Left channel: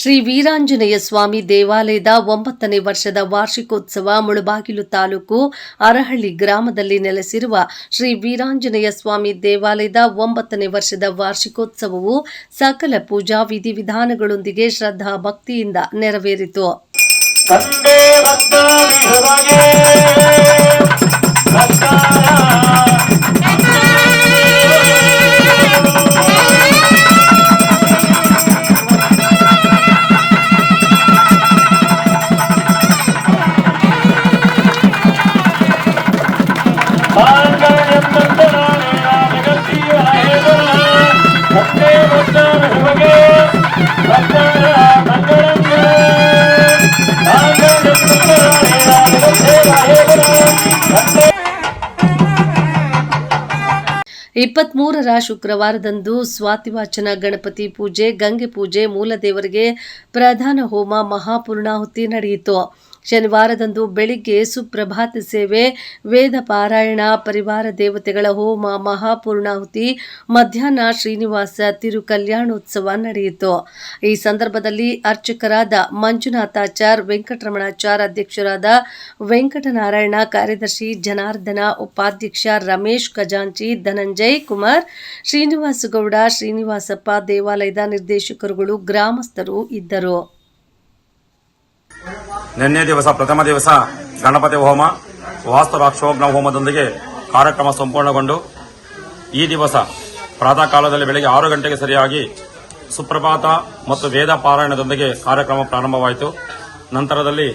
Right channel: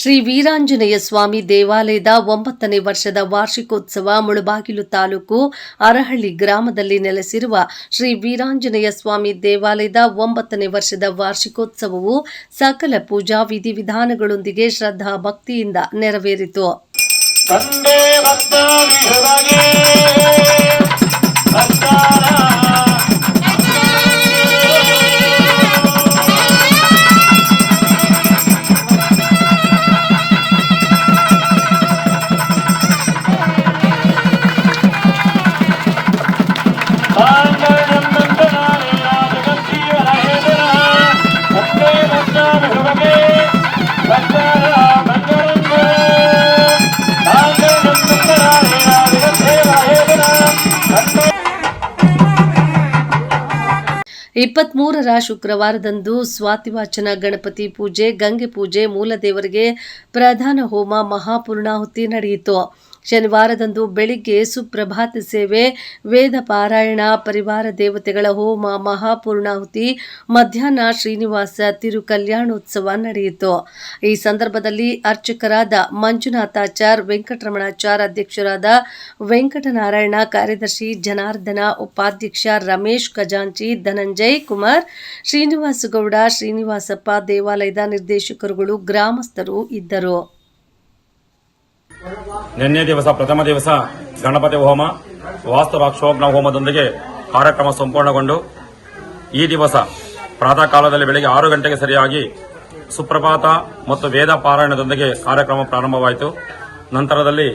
ಶ್ರೀ ವೀರಾಂಜನೇಯ ಸ್ವಾಮಿ ದೇವಾಲಯದ 9ನೇ ವರ್ಷದ ವಾರ್ಷಿಕೋತ್ಸವ ಮುಳಬಾಗಿಲು ತಾಲೂಕು ಅರಹಳ್ಳಿ ಗ್ರಾಮದಲ್ಲಿ ನೆಲೆಸಿರುವ ಶ್ರೀ ವೀರಾಂಜನೇಯ ಸ್ವಾಮಿ ದೇವಾಲಯದ 9ನೇ ವರ್ಷದ ವಾರ್ಷಿಕೋತ್ಸವವು ಸಕಲ ಪೂಜಾ ವಿಧಿವಿಧಾನಗಳೊಂದಿಗೆ ಶ್ರದ್ಧಾ ಭಕ್ತಿಯಿಂದ ನೆರವೇರಿತು. ಇಪ್ಪತ್ಮೂರರ ಶುಕ್ರವಾರದಂದು ಸ್ವಾತಿವಾಚನ ಗಣಪತಿ ಪೂಜೆ, ಗಂಗೆ ಪೂಜೆ, ಮೂಲದೇವರಿಗೆ ಪ್ರಧಾನ ಹೋಮ, ಮಹಾಪೂರ್ಣಾಹುತಿ ನಡೆಯಿತು. ಶನಿವಾರದಂದು ಬೆಳಿಗ್ಗೆ ಸುಪ್ರಭಾತ ಸೇವೆ, ವೇದ ಪಾರಾಯಣ, ಪರಿವಾರ ದೇವತೆಗಳ ಹೋಮ, ಮಹಾಪೂರ್ಣಾಹುತಿ, ಮಧ್ಯಾಹ್ನ ಶ್ರೀನಿವಾಸ ತಿರು ಕಲ್ಯಾಣೋತ್ಸವ ನಡೆಯಿತು. ಈ ಸಂದರ್ಭದಲ್ಲಿ ಅರ್ಚಕರಾದ ಮಂಜುನಾಥಾಚಾರ್, ವೆಂಕಟರಮಣಾಚಾರ್, ಅಧ್ಯಕ್ಷರಾದ ವೆಂಕಟನಾರಾಯಣ, ಕಾರ್ಯದರ್ಶಿ ಜನಾರ್ದನ, ಉಪಾಧ್ಯಕ್ಷ ರಮೇಶ್, ಖಜಾಂಚಿ ಧನಂಜಯ್ ಕುಮಾರ್, ಶ್ರೀನಿವಾಸಗೌಡ, ಶ್ರೀನಿವಾಸಪ್ಪ, ದೇವಾಲಯದ ನಿರ್ದೇಶಕರುಗಳು, ಗ್ರಾಮಸ್ಥರು ಇದ್ದರು. ನಿನ್ನೆ ದಿವಸ ಪ್ರಥಮ ದಿವಸ ಗಣಪತಿ ಹೋಮ, ವಾಸ್ತು ರಾಕ್ಷೋಗ್ನ ಹೋಮದೊಂದಿಗೆ ಕಾರ್ಯಕ್ರಮ ಸಂಪೂರ್ಣಗೊಂಡು ಈ ದಿವಸ ಪ್ರಾತಃ ಕಾಲದಲ್ಲಿ ಬೆಳಗ್ಗೆ 6 ಗಂಟೆಗೆ ಸರಿಯಾಗಿ ಸುಪ್ರಭಾತ ಮತ್ತು ವೇದ ಪಾರಾಯಣದೊಂದಿಗೆ ಕಾರ್ಯಕ್ರಮ ಪ್ರಾರಂಭವಾಯಿತು. ನಂತರದಲ್ಲಿ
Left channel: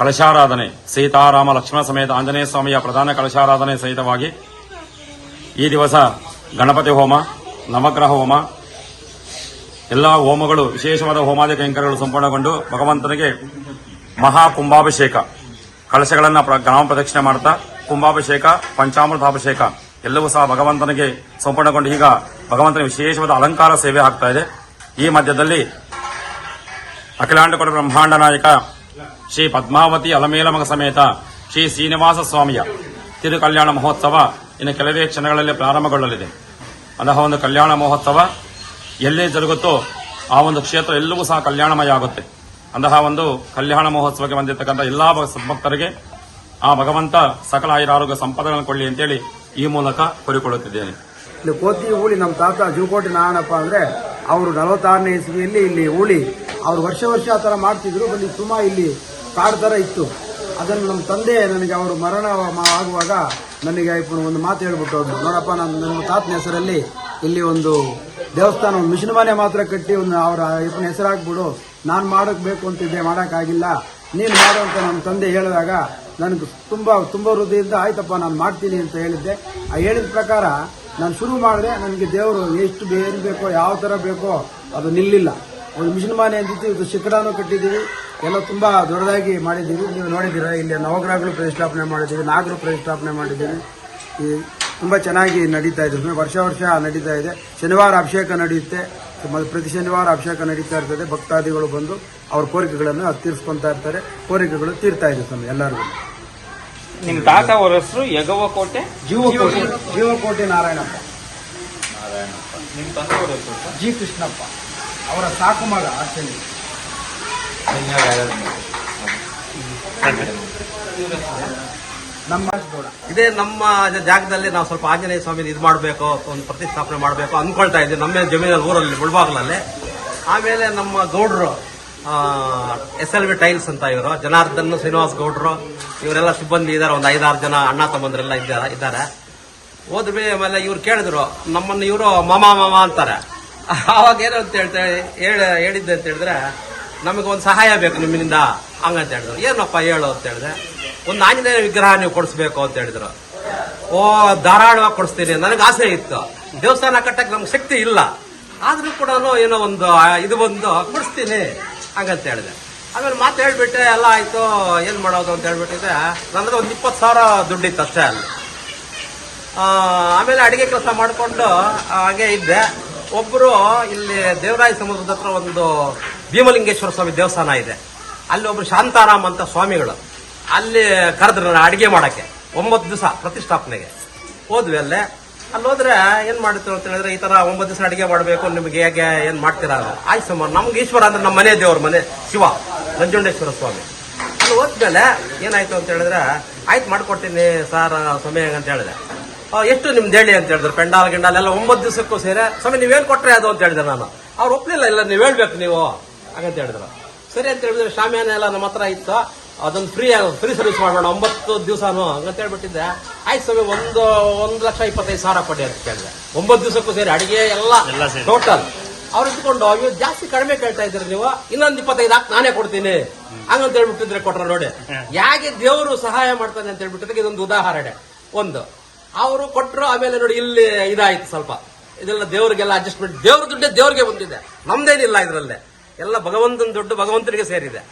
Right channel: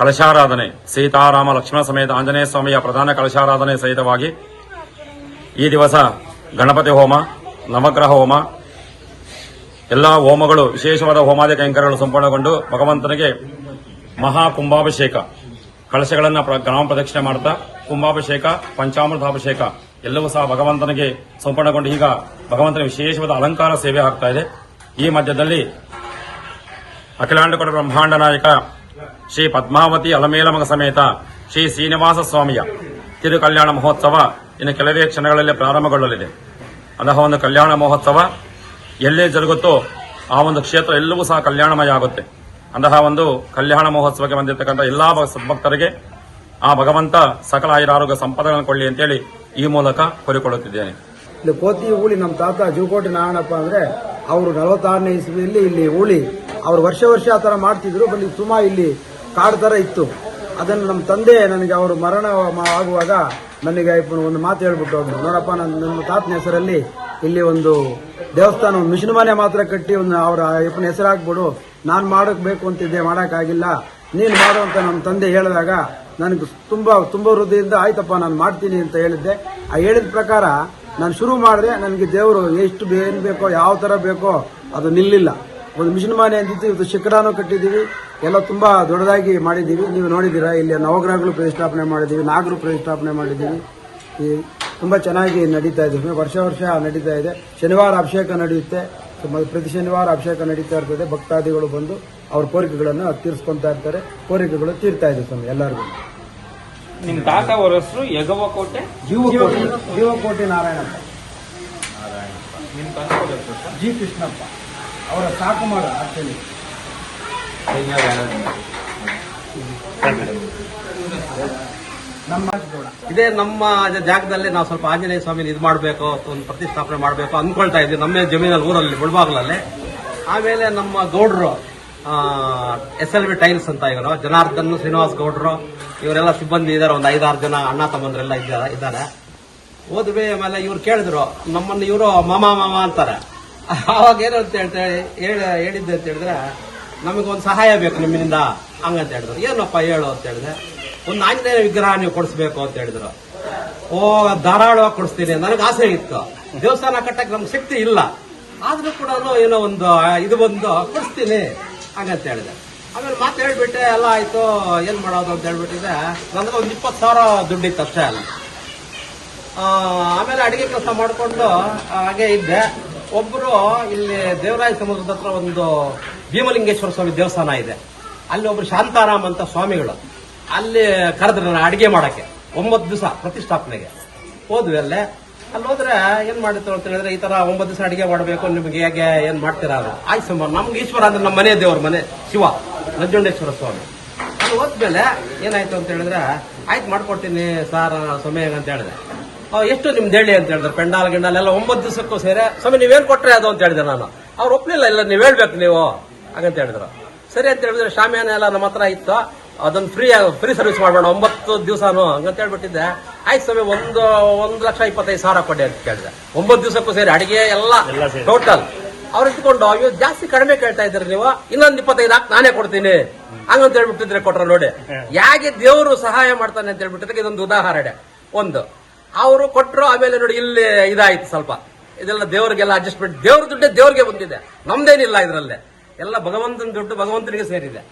ಕಲಶಾರಾಧನೆ, ಸೀತಾರಾಮ ಲಕ್ಷ್ಮಣ ಸಮೇತ ಆಂಜನೇಯ ಸ್ವಾಮಿಯ ಪ್ರಧಾನ ಕಲಶಾರಾಧನೆ ಸಹಿತವಾಗಿ ಈ ದಿವಸ ಗಣಪತಿ ಹೋಮ, ನವಗ್ರಹ ಹೋಮ, ಎಲ್ಲ ಹೋಮಗಳು ವಿಶೇಷವಾದ ಹೋಮಾದಿ ಕೈಂಕರ್ಯಗಳು ಸಂಪೂರ್ಣಗೊಂಡು ಭಗವಂತನಿಗೆ ಮಹಾ ಕುಂಭಾಭಿಷೇಕ, ಕಳಶಗಳನ್ನು ಗ್ರಾಮ ಪ್ರದಕ್ಷಿಣೆ ಮಾಡುತ್ತಾ ಕುಂಭಾಭಿಷೇಕ, ಪಂಚಾಮೃತಾಭಿಷೇಕ ಎಲ್ಲವೂ ಸಹ ಭಗವಂತನಿಗೆ ಸಂಪೂರ್ಣಗೊಂಡು ಈಗ ಭಗವಂತನಿಗೆ ವಿಶೇಷವಾದ ಅಲಂಕಾರ ಸೇವೆ ಆಗ್ತಾ ಇದೆ. ಈ ಮಧ್ಯದಲ್ಲಿ ಅಖಿಲಾಂಡಕೋಟಿ ಬ್ರಹ್ಮಾಂಡ ನಾಯಕ ಶ್ರೀ ಪದ್ಮಾವತಿ ಅಲಮೇಲಮಗ ಸಮೇತ ಶ್ರೀ ಶ್ರೀನಿವಾಸ ಸ್ವಾಮಿಯ ತಿರು ಕಲ್ಯಾಣ ಮಹೋತ್ಸವ ಇನ್ನು ಕೆಲವೇ ಕ್ಷಣಗಳಲ್ಲಿ ಪ್ರಾರಂಭಗೊಳ್ಳಲಿದೆ. ಅಂತಹ ಒಂದು ಕಲ್ಯಾಣ ಮಹೋತ್ಸವ ಎಲ್ಲೇ ಜರುಗುತ್ತೋ ಆ ಒಂದು ಕ್ಷೇತ್ರ ಎಲ್ಲವೂ ಸಹ ಕಲ್ಯಾಣಮಯ ಆಗುತ್ತೆ. ಅಂತಹ ಒಂದು ಕಲ್ಯಾಣ ಮಹೋತ್ಸವಕ್ಕೆ ಬಂದಿರತಕ್ಕಂಥ ಎಲ್ಲಾ ಸದ್ಭಕ್ತರಿಗೆ ಆ ಭಗವಂತ ಸಕಲ ಆಯುರಾರೋಗ್ಯ ಸಂಪದಗಳನ್ನು ಕೊಳ್ಳಿ ಅಂತೇಳಿ ಈ ಮೂಲಕ ಕೋರಿಕೊಳ್ಳುತ್ತಿದ್ದೇನೆ. ಇಲ್ಲಿ ಕೋತಿ ಊಳಿ ನಮ್ಮ ತಾತ ಜೀವಕೋಟಿ ನಾರಾಯಣಪ್ಪ ಅಂದ್ರೆ ಅವರು 46ನೇ ಇಸ್ವಿಯಲ್ಲಿ ಇಲ್ಲಿ ಊಳಿ ಅವರು ವರ್ಷ ಆ ತರ ಮಾಡ್ತಿದ್ರು. ಬಲ್ಲಿ ಸುಮ ಇಲ್ಲಿ ಕಾಡು ತರ ಇತ್ತು. ಅದನ್ನು ನಮ್ಮ ತಂದೆ ನನಗೆ ಅವರು ಮರಣ ಆಗುವಾಗ ನನಗೆ ಒಂದು ಮಾತು ಹೇಳ್ಬಿಟ್ಟು, ನೋಡಪ್ಪ ನನ್ನ ತಾತನ ಹೆಸರಲ್ಲಿ ಇಲ್ಲಿ ಒಂದು ದೇವಸ್ಥಾನ, ಒಂದು ಮಿಷನ್ ಮನೆ ಮಾತ್ರ ಕಟ್ಟಿ ಒಂದು ಅವರ ಅಯ್ಯಪ್ಪನ ಹೆಸರಾಗ್ಬಿಡು, ನಾನು ಮಾಡಬೇಕು ಅಂತಿದ್ದೆ, ಮಾಡೋಕ್ಕಾಗಿಲ್ಲ, ನೀನು ಮಾಡು ಅಂತ ನಮ್ಮ ತಂದೆ ಹೇಳಿದಾಗ ನನಗೆ ತುಂಬಾ ಹೃದಯದಿಂದ ಆಯ್ತಪ್ಪ ನಾನು ಮಾಡ್ತೀನಿ ಅಂತ ಹೇಳಿದ್ದೆ. ಆ ಹೇಳಿದ ಪ್ರಕಾರ ನಾನು ಶುರು ಮಾಡಿದೆ. ನನಗೆ ದೇವರು ಎಷ್ಟು ಏನ್ ಬೇಕೋ, ಯಾವ ತರ ಬೇಕೋ ಅದು ನಿಲ್ಲಿಲ್ಲ. ಒಂದು ಮಿಷನ್ ಮನೆ ಅಂತಿತ್ತು, ಇದು ಶಿಖರನೂ ಕಟ್ಟಿದ್ದೀವಿ, ಎಲ್ಲ ತುಂಬಾ ದೊಡ್ಡದಾಗಿ ಮಾಡಿದ್ದೀವಿ. ನೀವು ನೋಡಿದ್ದೀರಾ, ಇಲ್ಲಿ ನವಗ್ರಹಗಳು ಪ್ರತಿಷ್ಠಾಪನೆ ಮಾಡಿದ್ದೀವಿ, ನಾಗರು ಪ್ರತಿಷ್ಠಾಪನೆ ಮಾಡಿದ್ದೀವಿ. ತುಂಬಾ ಚೆನ್ನಾಗಿ ನಡೀತಾ ಇದೆ, ವರ್ಷ ನಡೀತಾ ಇದೆ. ಶನಿವಾರ ಅಭಿಷೇಕ ನಡೆಯುತ್ತೆ, ಪ್ರತಿ ಶನಿವಾರ ಅಭಿಷೇಕ ನಡೀತಾ ಇರ್ತದೆ. ಭಕ್ತಾದಿಗಳು ಬಂದು ಅವ್ರ ಕೋರಿಕೆಗಳನ್ನು ತೀರಿಸ್ಕೊಂತಾ ಇರ್ತಾರೆ, ಕೋರಿಕೆಗಳು ತೀರ್ತಾ ಇದೆ ಸ್ವಾಮಿ ಎಲ್ಲರಿಗೂ. ನಿಮ್ಮ ತಾತ ಅವರ ಹೆಸರು ಯಗವಕೋಟೆ ಜೀವಕೋಟೆ ನಾರಾಯಣಪ್ಪ, ಜಿ ಕೃಷ್ಣಪ್ಪ ಅವರ ಸಾಕು ಮಗ. ಇದೇ ನಮ್ಮ ಜಾಗದಲ್ಲಿ ನಾವು ಸ್ವಲ್ಪ ಆಂಜನೇಯ ಸ್ವಾಮಿ ಇದು ಮಾಡಬೇಕು, ಒಂದು ಪ್ರತಿಷ್ಠಾಪನೆ ಮಾಡಬೇಕು ಅನ್ಕೊಳ್ತಾ ಇದ್ದೀವಿ. ನಮ್ಮ ಜಮೀನಲ್ಲಿ ಊರಲ್ಲಿ ಮುಳಬಾಗ್ಲಲ್ಲಿ. ಆಮೇಲೆ ನಮ್ಮ ಗೌಡ್ರು SLV ಟೈಲ್ಸ್ ಅಂತ ಇವರು, ಜನಾರ್ದನ್, ಶ್ರೀನಿವಾಸ್ ಗೌಡ್ರು ಇವರೆಲ್ಲ ಸಿಬ್ಬಂದಿ ಇದ್ದಾರೆ. ಒಂದು 5-6 ಜನ ಅಣ್ಣ ತಮ್ಮಂದ್ರೆಲ್ಲ ಇದ್ದಾರೆ. ಹೋದ್ವಿ ಆಮೇಲೆ ಇವ್ರು ಕೇಳಿದ್ರು ನಮ್ಮನ್ನು, ಇವರು ಮಾಮ ಅಂತಾರೆ. ಅವಾಗ ಏನು ಅಂತ ಹೇಳಿದ್ದೆ ಅಂತ ಹೇಳಿದ್ರೆ, ನಮಗೊಂದು ಸಹಾಯ ಬೇಕು ನಿಮ್ಮಿಂದ ಹಂಗಂತ ಹೇಳಿದ್ರು. ಏನಪ್ಪ ಹೇಳು ಅಂತ ಹೇಳಿದ್ರೆ, ಒಂದು ಆಂಜನೇಯ ವಿಗ್ರಹ ನೀವು ಕೊಡಿಸ್ಬೇಕು ಅಂತ ಹೇಳಿದ್ರು. ಧಾರಾಳವಾಗಿ ಕೊಡಿಸ್ತೀನಿ, ನನಗೆ ಆಸೆ ಇತ್ತು. ದೇವಸ್ಥಾನ ಕಟ್ಟಕ್ಕೆ ನಮ್ಗೆ ಶಕ್ತಿ ಇಲ್ಲ, ಆದ್ರೂ ಕೂಡ ಏನೋ ಒಂದು ಇದು ಬಂದು ಕೊಡಿಸ್ತೀನಿ ಹಂಗಂತ ಹೇಳಿದೆ. ಆಮೇಲೆ ಮಾತು ಹೇಳ್ಬಿಟ್ಟೆ, ಎಲ್ಲ ಆಯ್ತು, ಏನ್ ಮಾಡೋದು ಅಂತ ಹೇಳ್ಬಿಟ್ಟಿದ್ರೆ ನಂದ್ರೆ ಒಂದು 20,000 ದುಡ್ಡಿತ್ತು ಅಷ್ಟೇ ಅಲ್ಲ. ಆಮೇಲೆ ಅಡಿಗೆ ಕೆಲಸ ಮಾಡಿಕೊಂಡು ಹಾಗೆ ಇದ್ದೆ. ಒಬ್ರು ಇಲ್ಲಿ ದೇವರಾಯ ಸಮುದ್ರದ ಹತ್ರ ಒಂದು ಭೀಮಲಿಂಗೇಶ್ವರ ಸ್ವಾಮಿ ದೇವಸ್ಥಾನ ಇದೆ, ಅಲ್ಲಿ ಒಬ್ರು ಶಾಂತಾರಾಮ್ ಅಂತ ಸ್ವಾಮಿಗಳು ಅಲ್ಲಿ ಕರೆದ್ರು ಅಡಿಗೆ ಮಾಡಕ್ಕೆ. 9 ದಿವಸ ಪ್ರತಿಷ್ಠಾಪನೆಗೆ ಹೋದ್ವಿ. ಅಲ್ಲೇ ಅಲ್ಲಿ ಹೋದ್ರೆ ಏನ್ ಮಾಡುತ್ತೆ ಅಂತ ಹೇಳಿದ್ರೆ ಈ ತರ 9 ದಿವಸ ಅಡಿಗೆ ಮಾಡಬೇಕು, ನಿಮ್ಗೆ ಹೇಗೆ ಏನ್ ಮಾಡ್ತೀರಾ ಅದು ಆಯ್ತು ಸುಮಾರು. ನಮ್ಗೆ ಈಶ್ವರ ಅಂದ್ರೆ ನಮ್ಮ ಮನೆ ದೇವ್ರ ಮನೆ ಶಿವ ನಂಜುಂಡೇಶ್ವರ ಸ್ವಾಮಿ. ಅಲ್ಲಿ ಹೋದ್ಮೇಲೆ ಏನಾಯ್ತು ಅಂತ ಹೇಳಿದ್ರೆ ಆಯ್ತು ಮಾಡ್ಕೊಡ್ತೀನಿ ಸರ್ ಸಮಯ ಅಂತ ಹೇಳಿದೆ. ಎಷ್ಟು ನಿಮ್ದು ಹೇಳಿ ಅಂತ ಹೇಳಿದ್ರೆ ಪೆಂಡಾಲ್ ಗಿಂಡಾಲ್ ಎಲ್ಲ 9 ದಿವಸಕ್ಕೂ ಸೇರಿ ಸ್ವಾಮಿ ನೀವೇನ್ ಕೊಟ್ರೆ ಅದು ಅಂತ ಹೇಳಿದೆ ನಾನು. ಅವ್ರು ಒಪ್ಲಿಲ್ಲ, ಇಲ್ಲ ನೀವು ಹೇಳ್ಬೇಕು ನೀವು ಹಾಗಂತ ಹೇಳಿದ್ರು. ಸರಿ ಅಂತ ಹೇಳಿದ್ರೆ ಶಾಮಿಯಾನ ಎಲ್ಲ ನಮ್ಮ ಹತ್ರ ಇತ್ತು, ಅದೊಂದು ಫ್ರೀ ಸರ್ವಿಸ್ ಮಾಡೋಣ 9 ದಿವಸನು ಹಂಗಂತ ಹೇಳ್ಬಿಟ್ಟಿದ್ದೆ. ಆಯ್ತು ಸ್ವಾಮಿ 1,25,000 ಕೊಡಿ ಅಂತ ಕೇಳಿದೆ. 9 ದಿವಸಕ್ಕೂ ಸೇರಿ ಅಡಿಗೆ ಎಲ್ಲ ಟೋಟಲ್ ಅವ್ರು ಇಟ್ಕೊಂಡು ಇವ್ ಜಾಸ್ತಿ ಕಡಿಮೆ ಕೇಳ್ತಾ ಇದ್ರಿ ನೀವು, ಇನ್ನೊಂದು 25 ಹಾಕಿ ನಾನೇ ಕೊಡ್ತೀನಿ ಹಂಗಂತ ಹೇಳ್ಬಿಟ್ಟಿದ್ರೆ ಕೊಟ್ರ ನೋಡಿ. ಹೇಗೆ ದೇವರು ಸಹಾಯ ಮಾಡ್ತಾನೆ ಅಂತ ಹೇಳ್ಬಿಟ್ಟಿದ್ರೆ ಇದೊಂದು ಉದಾಹರಣೆ. ಒಂದು ಅವರು ಕೊಟ್ಟರು, ಆಮೇಲೆ ನೋಡಿ ಇಲ್ಲಿ ಇದಾಯ್ತು ಸ್ವಲ್ಪ, ಇದೆಲ್ಲ ದೇವ್ರಿಗೆಲ್ಲ ಅಡ್ಜಸ್ಟ್ಮೆಂಟ್. ದೇವ್ರ ದುಡ್ಡೇ ದೇವ್ರಿಗೆ ಬಂದಿದೆ, ನಮ್ದೇನಿಲ್ಲ ಇದರಲ್ಲೇ, ಎಲ್ಲ ಭಗವಂತನ ದುಡ್ಡು ಭಗವಂತನಿಗೆ ಸೇರಿದೆ.